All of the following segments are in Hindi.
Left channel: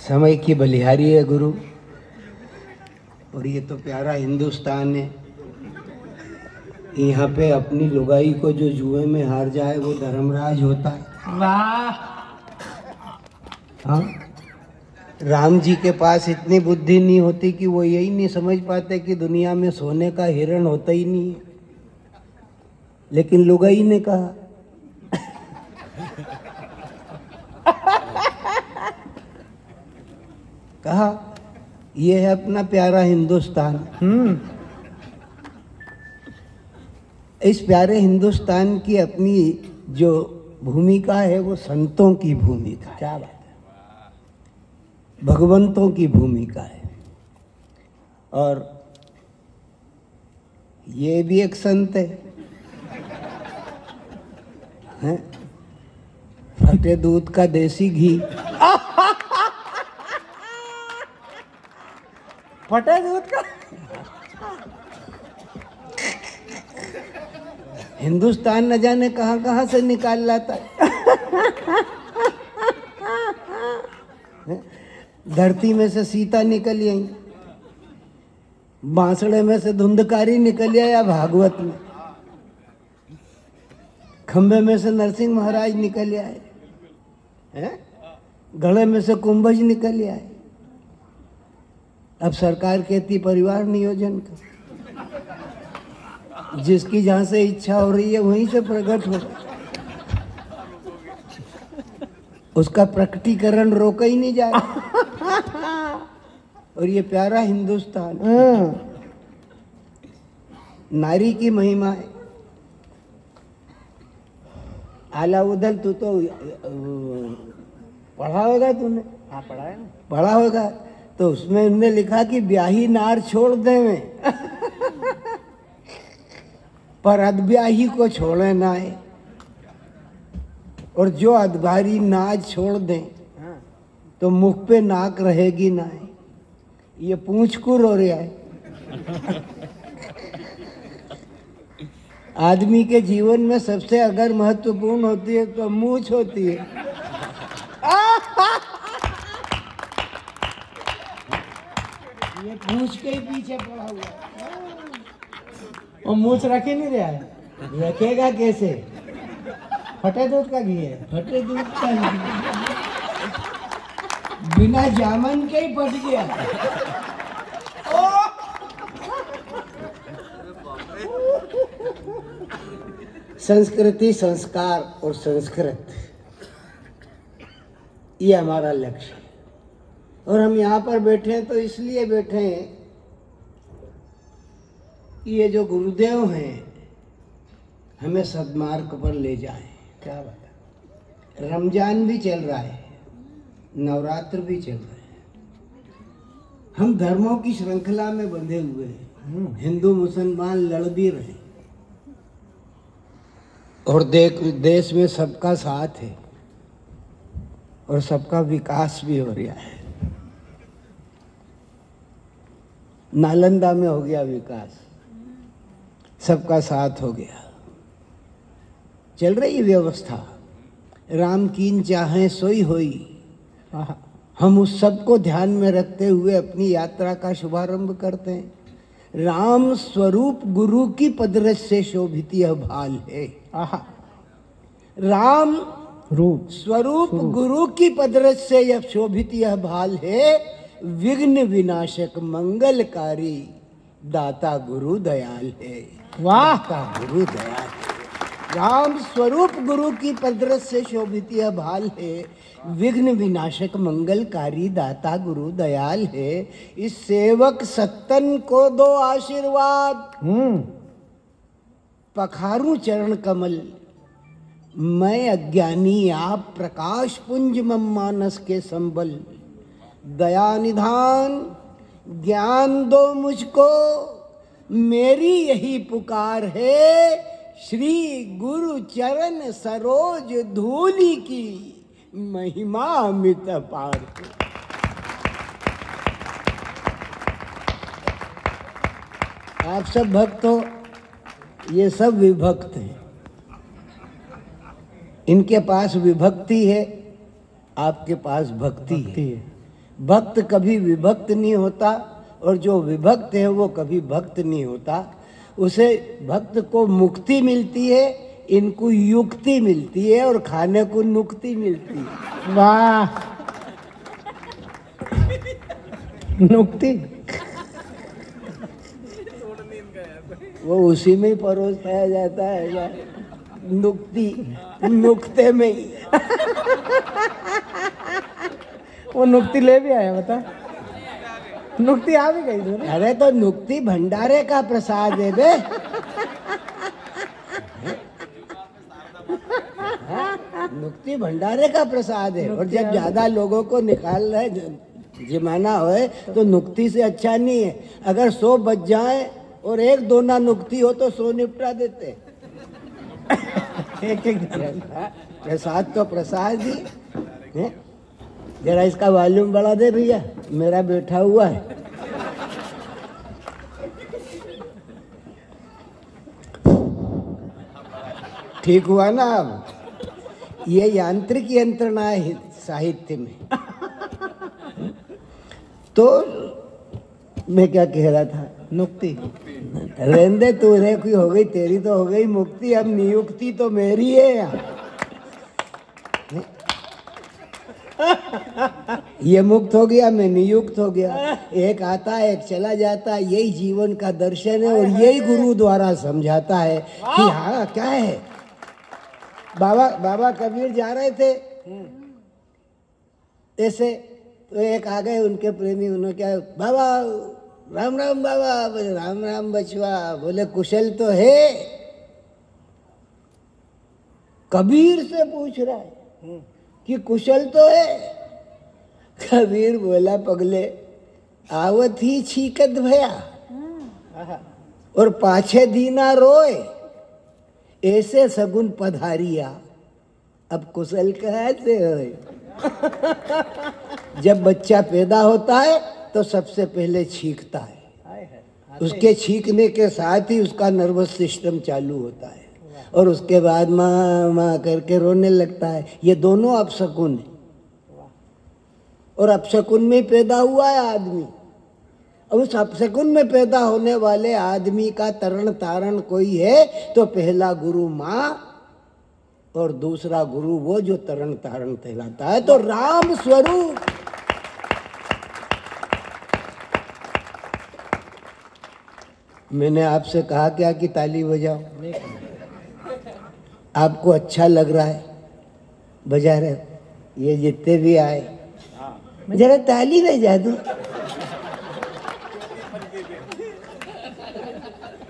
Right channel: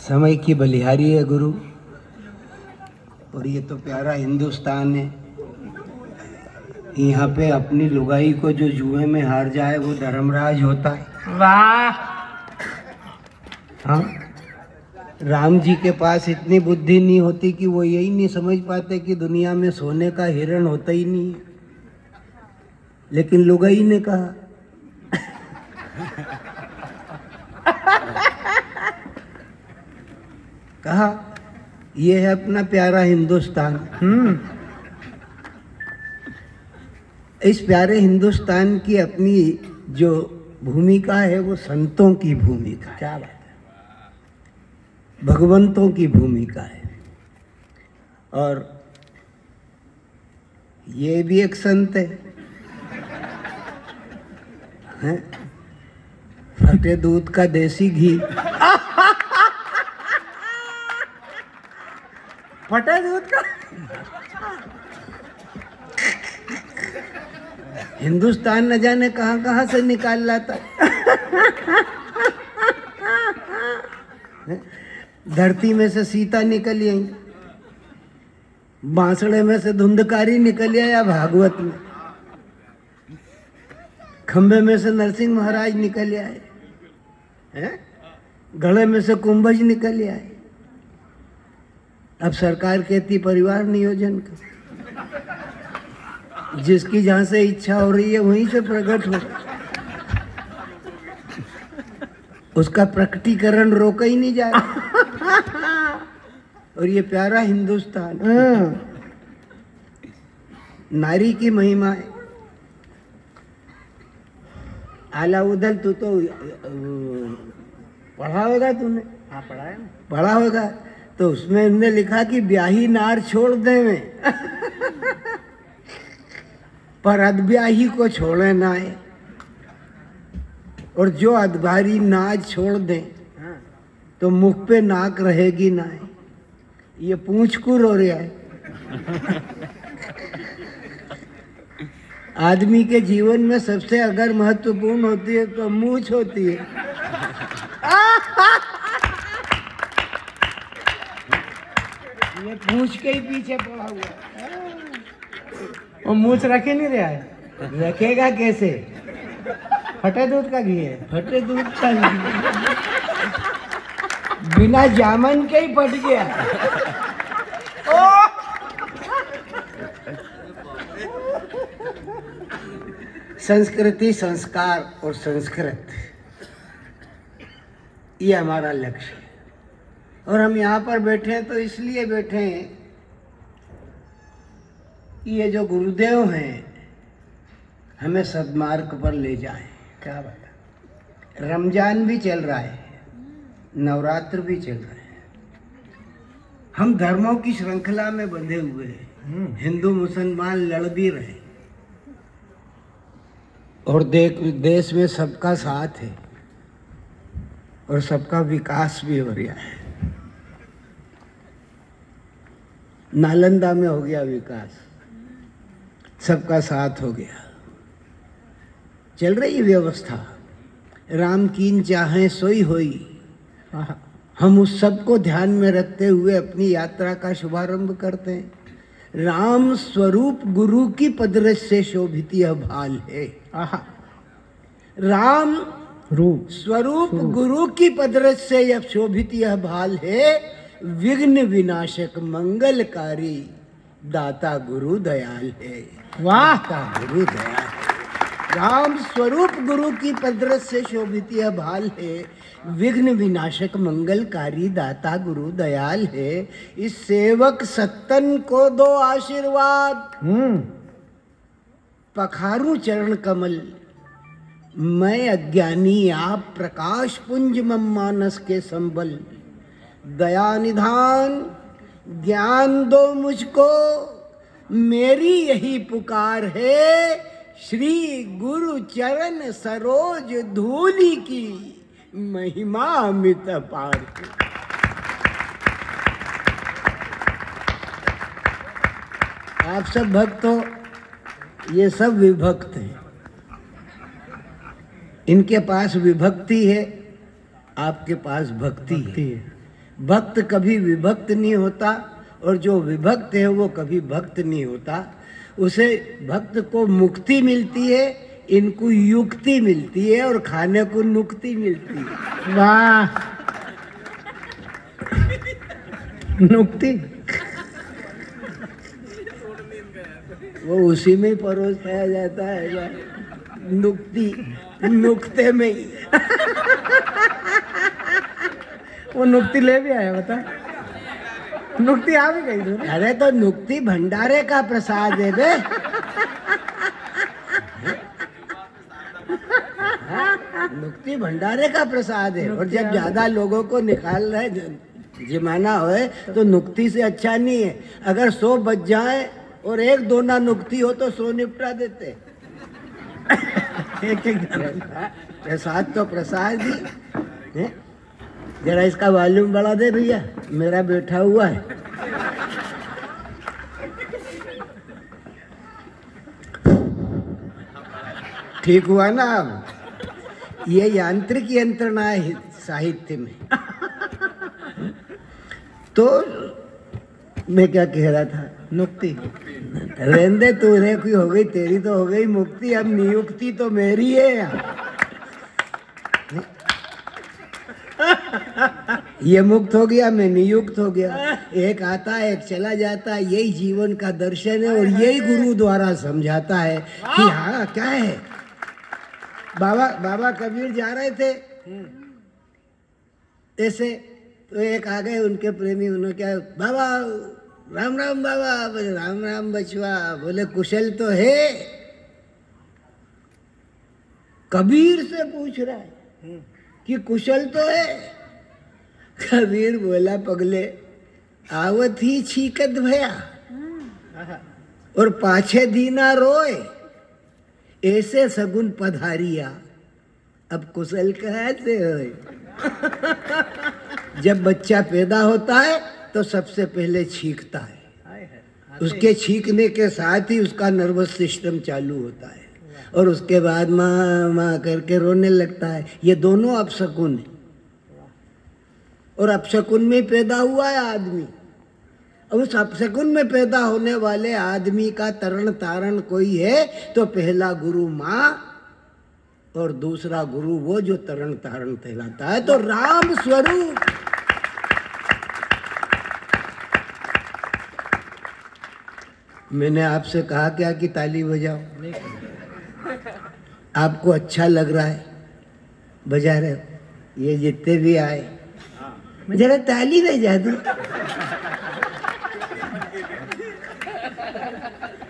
समय की बलिहारी है गुरु। और ये तो प्यारा हिंदुस्तान है। यहाँ पे अपनी लुगाई को जो जुए में हार जाए वो धर्मराज होता है। वाह। हाँ, राम जी के पास इतनी बुद्धि नहीं होती कि वो यही नहीं समझ पाते कि दुनिया में सोने का हिरण होता ही नहीं है, लेकिन लुगाई ने कहा। कहा ये है अपना प्यारा हिंदुस्तान। इस प्यारे हिंदुस्तान की अपनी जो भूमिका है वो संतों की भूमिका है। क्या बात है, भगवंतों की भूमिका है। और ये भी एक संत है, हैं? फटे दूध का देसी घी। फटे दूध का हिंदुस्तान न जाने कहां कहां से निकाल लाता है। धरती में से सीता निकल आई, बांसड़े में से धुंधकारी निकल आया भागवत में, खंबे में से नरसिंह महाराज निकल आए हैं, गले में से कुंभज निकल आए। अब सरकार कहती परिवार नियोजन का, जिसकी जहां से इच्छा हो रही है वहीं से प्रकट हो, उसका प्रकटीकरण रोका ही नहीं जाए। और ये प्यारा हिंदुस्तान, नारी की महिमा है। आलाउद्दीन, तू तो पढ़ा होगा तूने? हाँ, पढ़ा है। पढ़ा होगा। तो उसमें उन्होंने लिखा कि ब्याही नार छोड़ देवे पर अधब्याही को छोड़े ना है, और जो अधबारी नाज छोड़ दे तो मुख पे नाक रहेगी ना है। ये पूंछ को रो रहा है। आदमी के जीवन में सबसे अगर महत्वपूर्ण होती है तो मूंछ होती है। ये पूंछ के ही पीछे पड़ा हुआ है। वो मूछ रख ही नहीं रहा है। रखेगा कैसे? फटे दूध का घी है। फटे दूध का घी, बिना जामन के ही फट गया। संस्कृति, संस्कार और संस्कृत, ये हमारा लक्ष्य है। और हम यहाँ पर बैठे हैं तो इसलिए बैठे हैं कि ये जो गुरुदेव हैं हमें सद्मार्ग पर ले जाएं। क्या बात है। रमजान भी चल रहा है, नवरात्र भी चल रहा है, हम धर्मों की श्रृंखला में बंधे हुए हैं। हिंदू मुसलमान लड़ भी रहे और देश में सबका साथ है और सबका विकास भी हो रहा है। नालंदा में हो गया विकास, सबका साथ हो गया, चल रही व्यवस्था। राम कीन चाहे सोई होई। हम उस सब को ध्यान में रखते हुए अपनी यात्रा का शुभारंभ करते हैं। राम स्वरूप गुरु की पदरस से शोभित यह भाल है। राम रूप स्वरूप गुरु की पदरस से यह शोभित यह भाल है। विघ्न विनाशक मंगलकारी दाता गुरु दयाल है। वाह, का गुरु दयाल है। राम स्वरूप गुरु की पदरस से शोभित यह भाल है। विघ्न विनाशक मंगलकारी दाता गुरु दयाल है। इस सेवक सत्तन को दो आशीर्वाद। पखारू चरण कमल, मैं अज्ञानी आप प्रकाश पुंज मम मानस के संबल। दया निधान ज्ञान दो मुझको, मेरी यही पुकार है। श्री गुरु चरण सरोज धूलि की महिमा अमित अपार है। आप सब भक्त हो, ये सब विभक्त हैं। इनके पास विभक्ति है, आपके पास भक्ति है। भक्त कभी विभक्त नहीं होता और जो विभक्त है वो कभी भक्त नहीं होता। उसे भक्त को मुक्ति मिलती है, इनको युक्ति मिलती है और खाने को नुक्ति मिलती है। वाह, नुक्ति वो उसी में ही परोस खाया जाता है, नुक्ति नुक्ते में ही। वो नुक्ति ले भी आया, बता। नुक्ति आ भी गई। अरे तो नुक्ति भंडारे का प्रसाद है बे। नुक्ति भंडारे का प्रसाद है। और जब ज्यादा लोगों को निकाल रहे जिमाना होए तो नुक्ति से अच्छा नहीं है। अगर 100 बच जाए और 1-2 ना नुक्ति हो तो 100 निपटा देते। एक प्रसाद तो प्रसाद ही है। जरा इसका वॉल्यूम बढ़ा दे भैया, मेरा बैठा हुआ है। ठीक हुआ ना? अब ये यांत्रिक यंत्रणा है साहित्य में। तो मैं क्या कह रहा था? नुक्ति। रहने तू की हो गई, तेरी तो हो गई मुक्ति, अब नियुक्ति तो मेरी है। ये मुक्त हो गया, मैं नियुक्त हो गया। एक आता है, एक चला जाता है। यही जीवन का दर्शन है और यही गुरु द्वारा समझाता है कि हाँ क्या है। बाबा कबीर जा रहे थे ऐसे, तो एक आ गए उनके प्रेमी। उन्होंने क्या, बाबा राम राम। बाबा बोले राम राम बचवा। बोले कुशल तो है? कबीर से पूछ रहा है कि कुशल तो है? कबीर बोला पगले आवत ही छीकत भया और पाछे दीना रोए, ऐसे सगुन पधारिया अब कुशल कहते होए। जब बच्चा पैदा होता है तो सबसे पहले छींकता है। उसके छींकने के साथ ही उसका नर्वस सिस्टम चालू होता है और उसके बाद माँ माँ करके रोने लगता है। ये दोनों अपशकुन है और अपशकुन में पैदा हुआ है आदमी। अब उस अपशकुन में पैदा होने वाले आदमी का तरण तारण कोई है तो पहला गुरु माँ और दूसरा गुरु वो जो तरण तारण कहलाता है। तो राम स्वरूप मैंने आपसे कहा क्या कि ताली बजाओ? आपको अच्छा लग रहा है, बजा रहे हो। ये जितने भी आए जरा ताली बजा दो।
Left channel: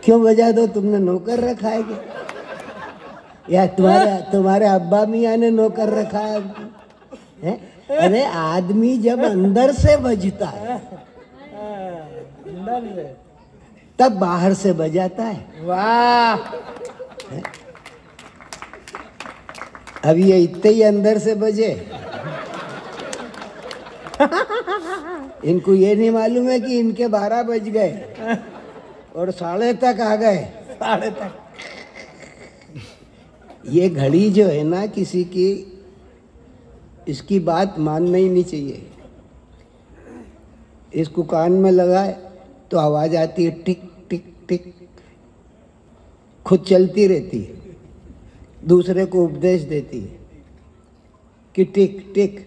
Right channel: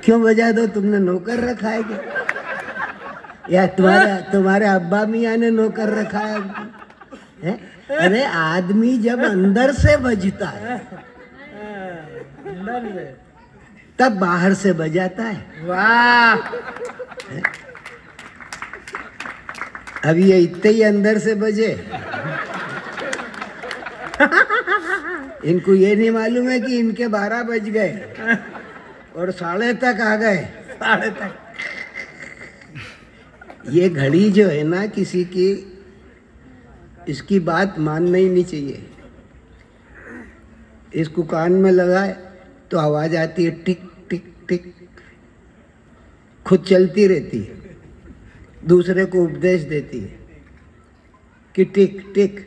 क्यों बजा दो? तुमने नौकर रखा है क्या? या तुम्हारे अब्बा मियाँ ने नौकर रखा है? अरे आदमी जब अंदर से बजता है तब बाहर से बजाता है। वाह, अब ये इतने ही अंदर से बजे। इनको ये नहीं मालूम है कि इनके 12 बज गए और 12:30 तक आ गए। 12:30 तक ये घड़ी जो है ना किसी की, इसकी बात मानना ही नहीं चाहिए। इसको कान में लगाए तो आवाज आती है टिक टिक टिक, खुद चलती रहती है, दूसरे को उपदेश देती है कि टिक टिक।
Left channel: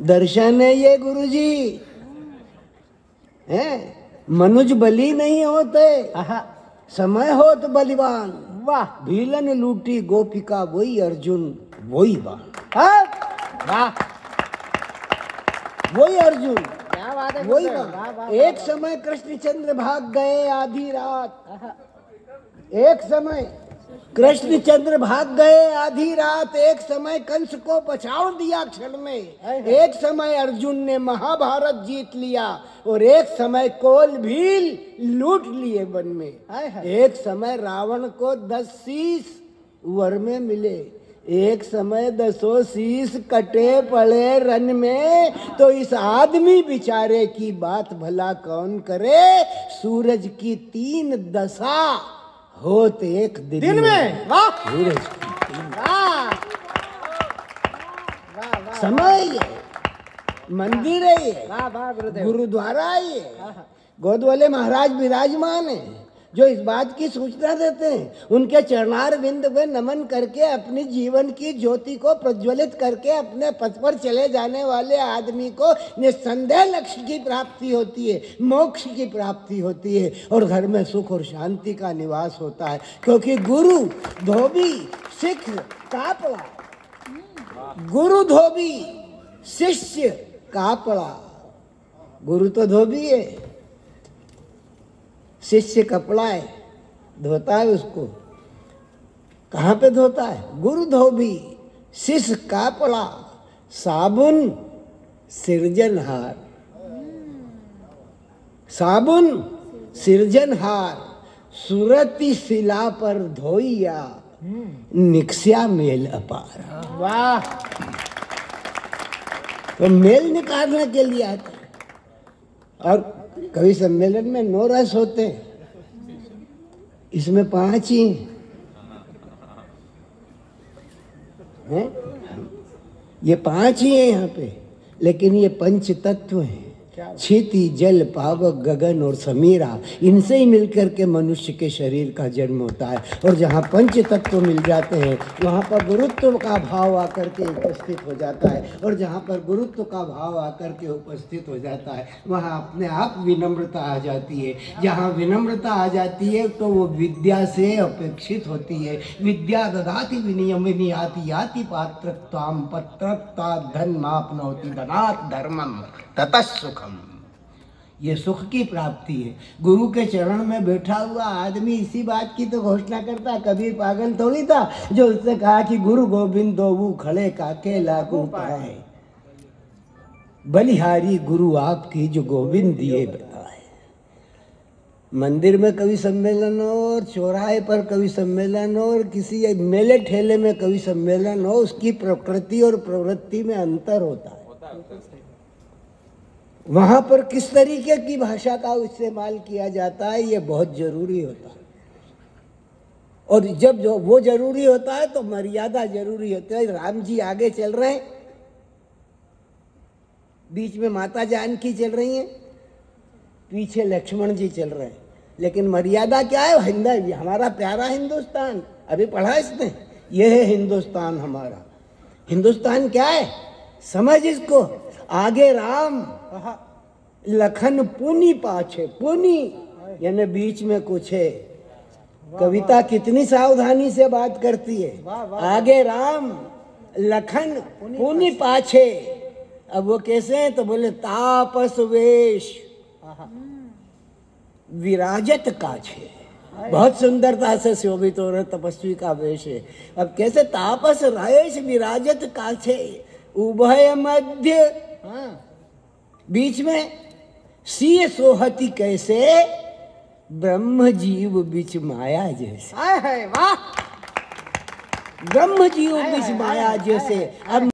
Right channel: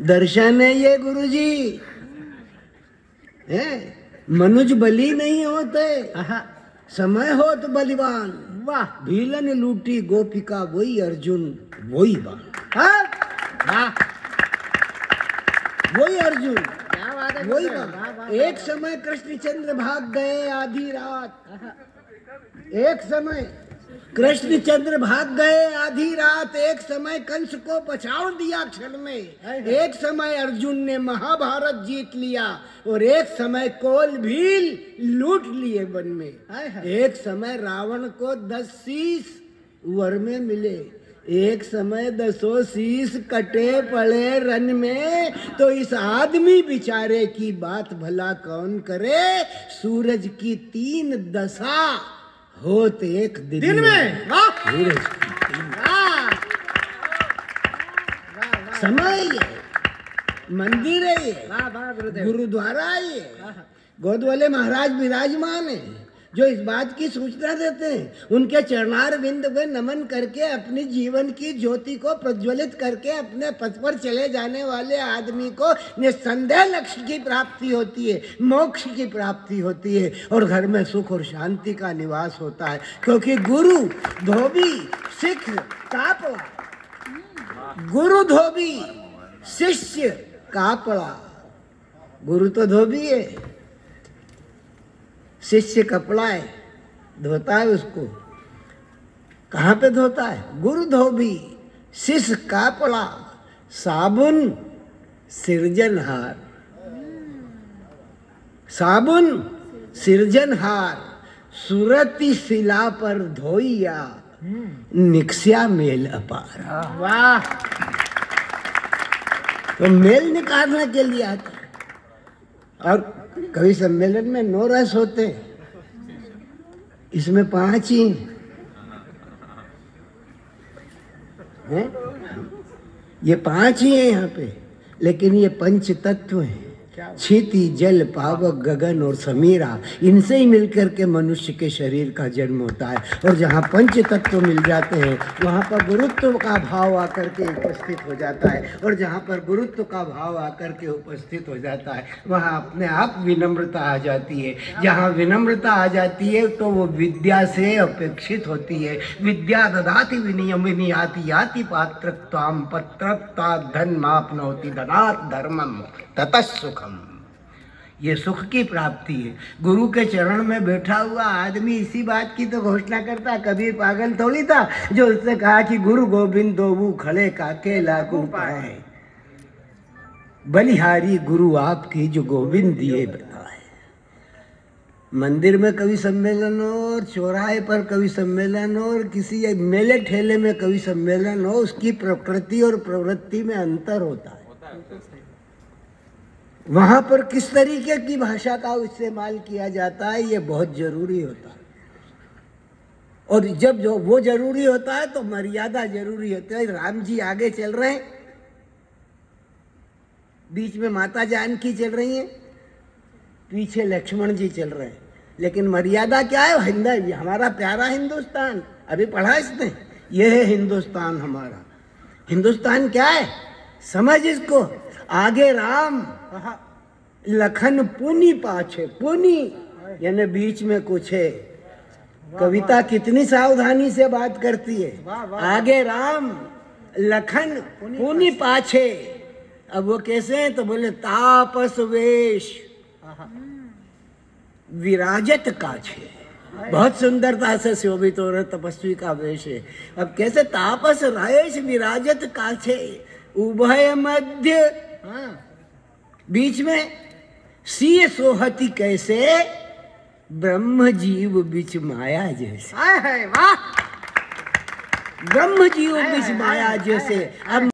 दर्शन है ये गुरुजी है। मनुज बली नहीं होते, समय हो तो बलिवान। वाह, भीलन लूटी गोपिका वही अर्जुन वही बाण। वाह, वही अर्जुन वही बाण। एक समय कृष्णचंद्र भाग गए आधी रात। एक समय कृष्णचंद्र भाग गए आधी रात। एक समय कंस को पछाड़ दिया क्षण में। एक समय अर्जुन ने महाभारत जीत लिया और एक समय कोल भील लूट लिए वन में। एक समय रावण को 10 शीश वर में मिले। एक समय 10 शीश कटे पड़े रन में। तो इस आदमी बिचारे की बात भला कौन करे? सूरज की 3 दशा होत एक दिन में। वाह सूरज वाह वाह समय ये मंदिर है ये, वाह वाह गुरुदेव। गुरुद्वारा है ये, गोद वाले महाराज विराजमान है जो इस बात की सूचना देते हैं। उनके चरणार बिंद में नमन करके अपनी जीवन की ज्योति को प्रज्वलित करके अपने पथ पर चले जाने वाले आदमी को निस्संदेह लक्ष्य की प्राप्ति होती है, मोक्ष की प्राप्ति होती है और घर में सुख और शांति का निवास होता है। क्योंकि गुरु धोबी सिख कापड़ा, गुरु धोबी शिष्य कापड़ा। गुरु तो धोबी है, शिष्य कपड़ा है, धोता है उसको। कहाँ पे धोता है? गुरु धोबी शिष्य कापड़ा, साबुन सिरजनहार, साबुन सिरजनहार, सुरती शिला पर धोइया, निक्स्या मेल अपार। वाह तो मेल निकालने के लिए आता है। और कवि सम्मेलन में 9 रस होते हैं, इसमें 5 ही हैं। ये 5 ही है यहाँ पे, लेकिन ये पंच तत्व हैं, क्षिति जल पावक गगन और समीरा। इनसे ही मिलकर के मनुष्य के शरीर का जन्म होता है। और जहाँ पंच तत्व मिल जाते हैं वहाँ पर गुरुत्व का भाव आकर के उपस्थित हो जाता है। और जहाँ पर गुरुत्व का भाव आकर के उपस्थित हो जाता है वहाँ अपने आप विनम्रता आ जाती है। जहाँ विनम्रता आ जाती है तो वो विद्या से अपेक्षित होती है। विद्या ददाति विनियम विनियाति याति पात्रत्वाम पत्रत्ता धनमाप्नोति धनात् धर्मम ततः सुखम। ये सुख की प्राप्ति है। गुरु के चरण में बैठा हुआ आदमी इसी बात की तो घोषणा करता। कबीर पागल थोड़ी था जो उसने कहा कि गुरु गोविंद दो खड़े काके लागू पाए, बलिहारी गुरु आपकी जो गोविंद दिए बताए। मंदिर में कवि सम्मेलन हो और चौराहे पर कवि सम्मेलन हो और किसी मेले ठेले में कवि सम्मेलन हो, उसकी प्रकृति और प्रवृत्ति में अंतर होता है। वहां पर किस तरीके की भाषा का इस्तेमाल किया जाता है ये बहुत जरूरी होता है। और जब जो वो जरूरी होता है तो मर्यादा जरूरी होती है। राम जी आगे चल रहे हैं, बीच में माता जानकी चल रही हैं, पीछे लक्ष्मण जी चल रहे हैं। लेकिन मर्यादा क्या है? हमारा प्यारा हिंदुस्तान, अभी पढ़ा इसने, ये है हिंदुस्तान हमारा। हिंदुस्तान क्या है समझ इसको। आगे राम, लखन पुनि पाछे, पुनि यानी बीच में कुछ है। कविता कितनी सावधानी से बात करती है। आगे राम, लखन पुनि पाछे। अब वो कैसे हैं तो बोले तापस वेश विराजत काछे। बहुत सुंदरता से शोभित हो रहे तपस्वी का वेश है। अब कैसे? तापस वेश विराजत काछे, उभय मध्य, बीच में सीय सोहती कैसे, ब्रह्म जीव बीच माया जैसे। वाह ब्रह्म जीव बीच माया जैसे। अब